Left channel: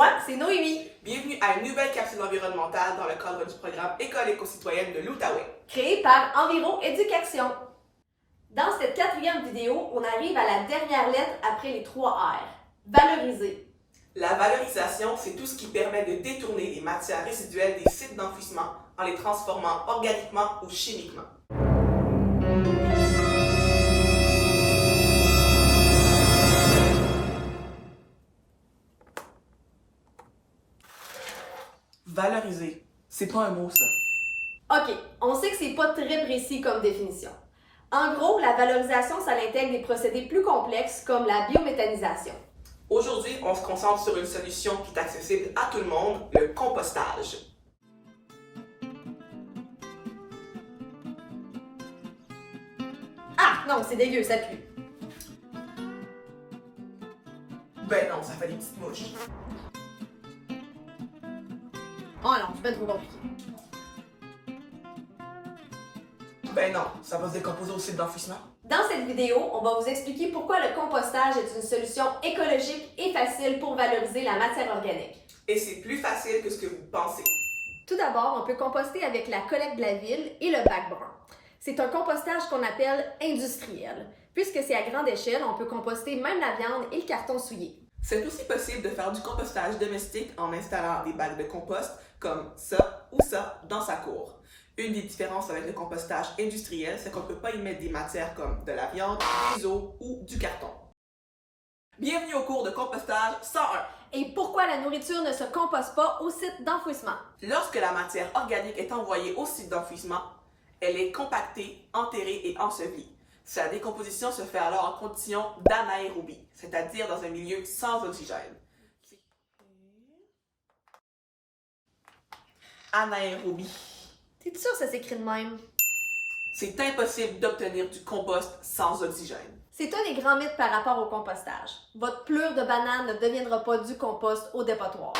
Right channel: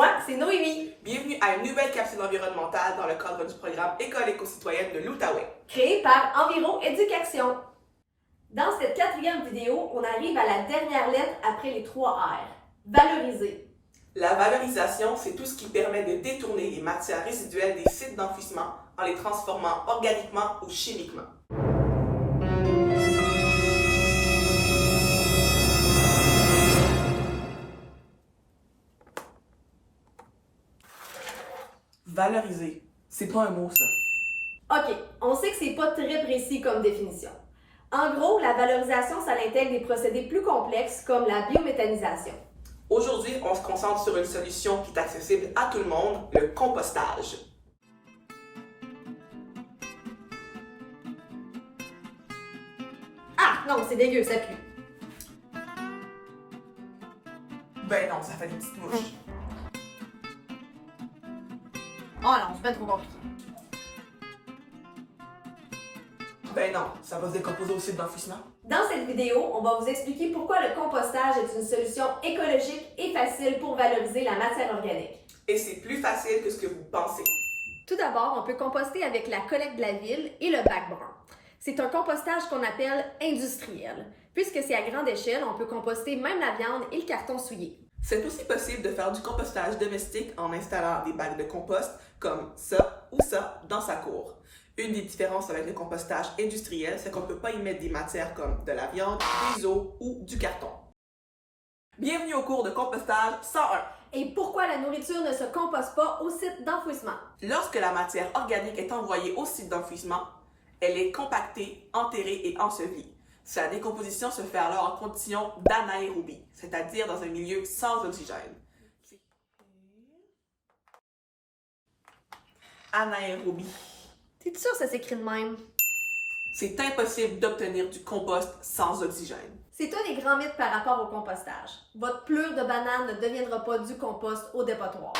moi, c'est Noémie. Bienvenue à une nouvelle capsule environnementale dans le cadre du programme École éco-citoyenne de l'Outaouais. Créée par Enviro Éducation. Dans cette 4e vidéo, on arrive à la dernière lettre après les 3 R. Valoriser. La valorisation, c'est tout ce qui permet de détourner les matières résiduelles des sites d'enfouissement en les transformant organiquement ou chimiquement. Valoriser, c'est pas un mot ça. OK, on sait que c'est pas très précis comme définition. En gros, la valorisation, ça intègre des procédés plus complexes comme la biométhanisation. Aujourd'hui, on se concentre sur une solution qui est accessible à tout le monde, le compostage. Ah, non, c'est dégueu, ça pue. Ben non, ça fait des petites mouches. Oh non, c'est pas trop compliqué. Ben non, ça va se décomposer au site d'enfouissement. Dans cette vidéo, on va vous expliquer pourquoi le compostage est une solution écologique et facile pour valoriser la matière organique. Et c'est plus facile que ce que vous pensez. Tout d'abord, on peut composter avec la collecte de la ville et le bac brun. C'est un compostage qu'on appelle industriel. Puisque c'est à grande échelle, on peut composter même la viande et le carton souillé. C'est aussi possible de faire du compostage domestique en installant des bacs de compost comme ça ou ça dans sa cour. Une des différences avec le compostage industriel, c'est qu'on ne peut pas y mettre des matières comme de la viande, des os ou du carton. Bienvenue au cours de compostage 101. Et pourquoi la nourriture ne se composte pas au site d'enfouissement? Lorsque la matière organique est envoyée au site d'enfouissement, elle est compactée, enterrée et ensevelie. Sa décomposition se fait alors en condition d'anaérobie, c'est-à-dire dans un milieu sans oxygène. Anaérobie. T'es sûr que ça s'écrit de même? C'est impossible d'obtenir du compost sans oxygène. C'est un des grands mythes par rapport au compostage. Votre pelure de banane ne deviendra pas du compost au dépotoir.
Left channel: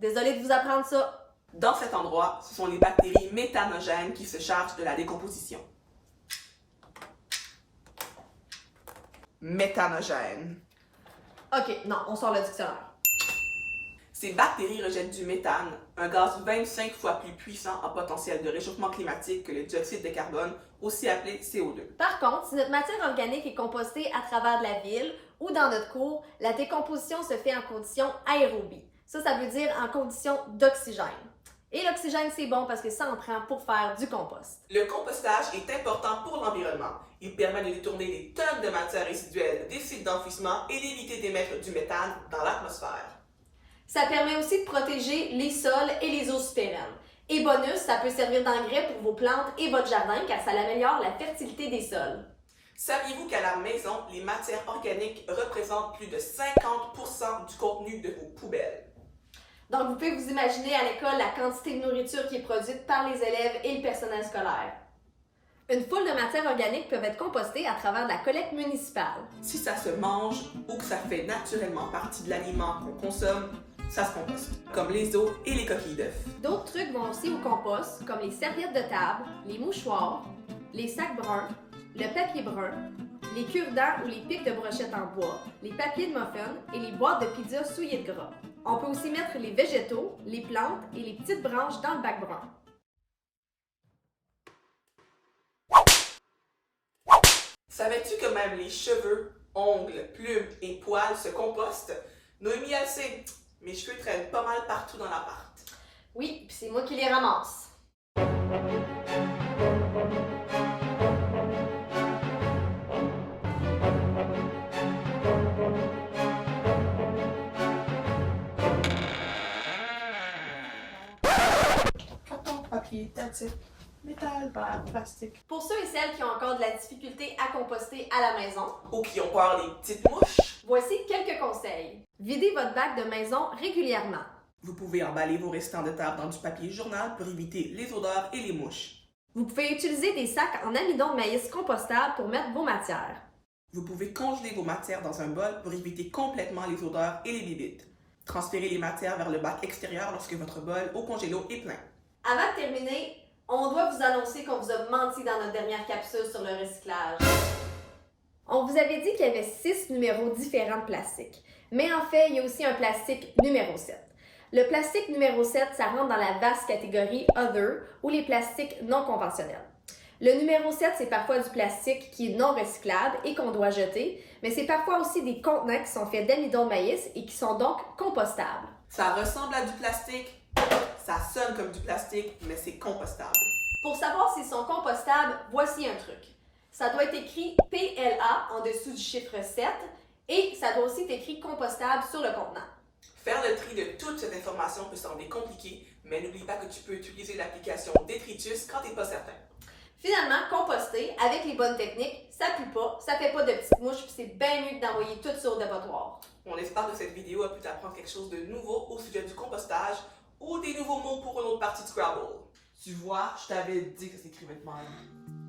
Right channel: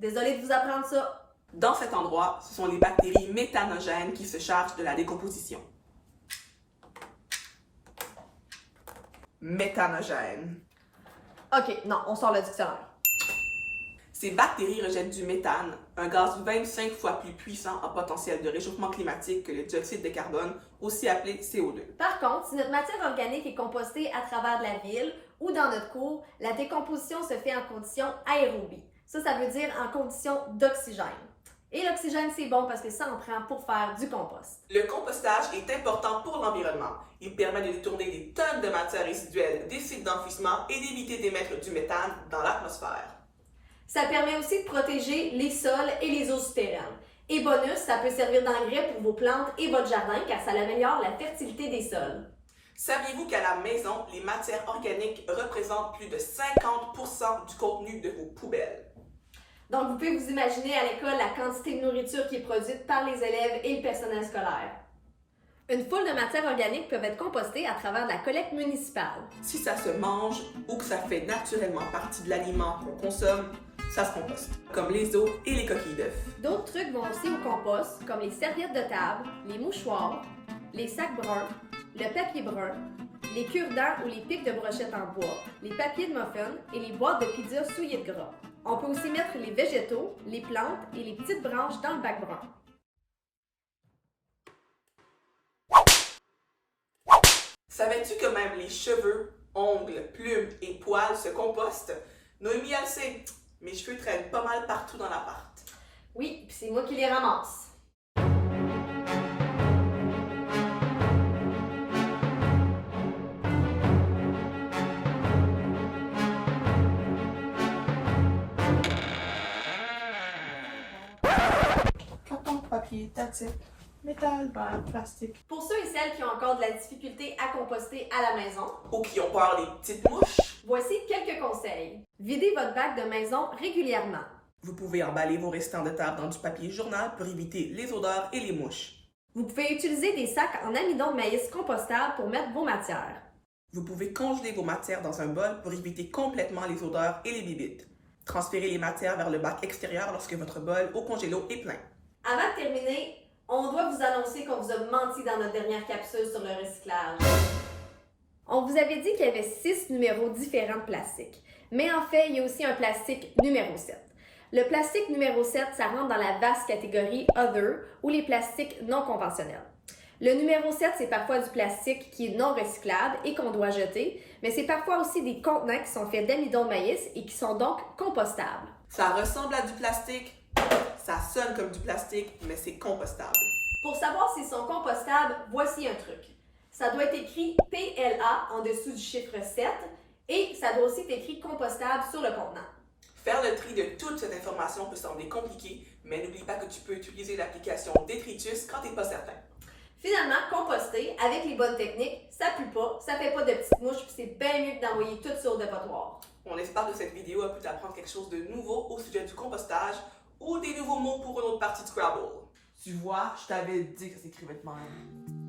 Désolée de vous apprendre ça. Dans cet endroit, ce sont les bactéries méthanogènes qui se chargent de la décomposition. Méthanogène. OK, non, on sort le dictionnaire. Ces bactéries rejettent du méthane, un gaz 25 fois plus puissant en potentiel de réchauffement climatique que le dioxyde de carbone, aussi appelé CO2. Par contre, si notre matière organique est compostée à travers de la ville ou dans notre cour, la décomposition se fait en condition aérobie. Ça veut dire en condition d'oxygène. Et l'oxygène, c'est bon parce que ça en prend pour faire du compost. Le compostage est important pour l'environnement. Il permet de détourner des tonnes de matières résiduelles des sites d'enfouissement et d'éviter d'émettre du méthane dans l'atmosphère. Ça permet aussi de protéger les sols et les eaux souterraines. Et bonus, ça peut servir d'engrais pour vos plantes et votre jardin car ça améliore la fertilité des sols. Saviez-vous qu'à la maison, les matières organiques représentent plus de 50% du contenu de vos poubelles? Donc, vous pouvez vous imaginer à l'école la quantité de nourriture qui est produite par les élèves et le personnel scolaire. Une foule de matières organiques peuvent être compostées à travers de la collecte municipale. Si ça se mange ou que ça fait naturellement partie de l'aliment qu'on consomme, ça se composte, comme les os et les coquilles d'œufs. D'autres trucs vont aussi au compost, comme les serviettes de table, les mouchoirs, les sacs bruns, le papier brun, les cure-dents ou les pics de brochettes en bois, les papiers de muffin et les boîtes de pizza souillées de gras. On peut aussi mettre les végétaux, les plantes et les petites branches dans le bac brun. Savais-tu que même les cheveux, ongles, plumes et poils se compostent? Noémie, elle sait, mes cheveux traînent pas mal partout dans l'appart. Oui, puis c'est moi qui les ramasse. Carton, papier, tactique, métal, verre, plastique. Pour ceux et celles qui ont encore de la difficulté à composter à la maison, Ou qui ont peur des petites mouches, voici quelques conseils. Videz votre bac de maison régulièrement. vous pouvez emballer vos restants de table dans du papier journal pour éviter les odeurs et les mouches. Vous pouvez utiliser des sacs en amidon de maïs compostable pour mettre vos matières. Vous pouvez congeler vos matières dans un bol pour éviter complètement les odeurs et les bibites. Transférez les matières vers le bac extérieur lorsque votre bol au congélo est plein. Avant de terminer, on doit vous annoncer qu'on vous a menti dans notre dernière capsule sur le recyclage. On vous avait dit qu'il y avait 6 numéros différents de plastique. Mais en fait, il y a aussi un plastique numéro 7. Le plastique numéro 7, ça rentre dans la vaste catégorie Other ou les plastiques non conventionnels. Le numéro 7, c'est parfois du plastique qui est non recyclable et qu'on doit jeter, mais c'est parfois aussi des contenants qui sont faits d'amidon de maïs et qui sont donc compostables. Ça ressemble à du plastique, ça sonne comme du plastique, mais c'est compostable. Pour savoir s'ils sont compostables, voici un truc. Ça doit être écrit PLA en dessous du chiffre 7 et ça doit aussi être écrit compostable sur le contenant. Faire le tri de toute cette information peut sembler compliqué, mais n'oublie pas que tu peux utiliser l'application Detritus quand tu n'es pas certain. Finalement, composter, avec les bonnes techniques, ça pue pas, ça fait pas de petites mouches, puis c'est bien mieux que d'envoyer tout sur le dépotoir. On espère que cette vidéo a pu t'apprendre quelque chose de nouveau au sujet du compostage ou des nouveaux mots pour une autre partie de Scrabble. Tu vois, je t'avais dit que ça s'écrivait de même.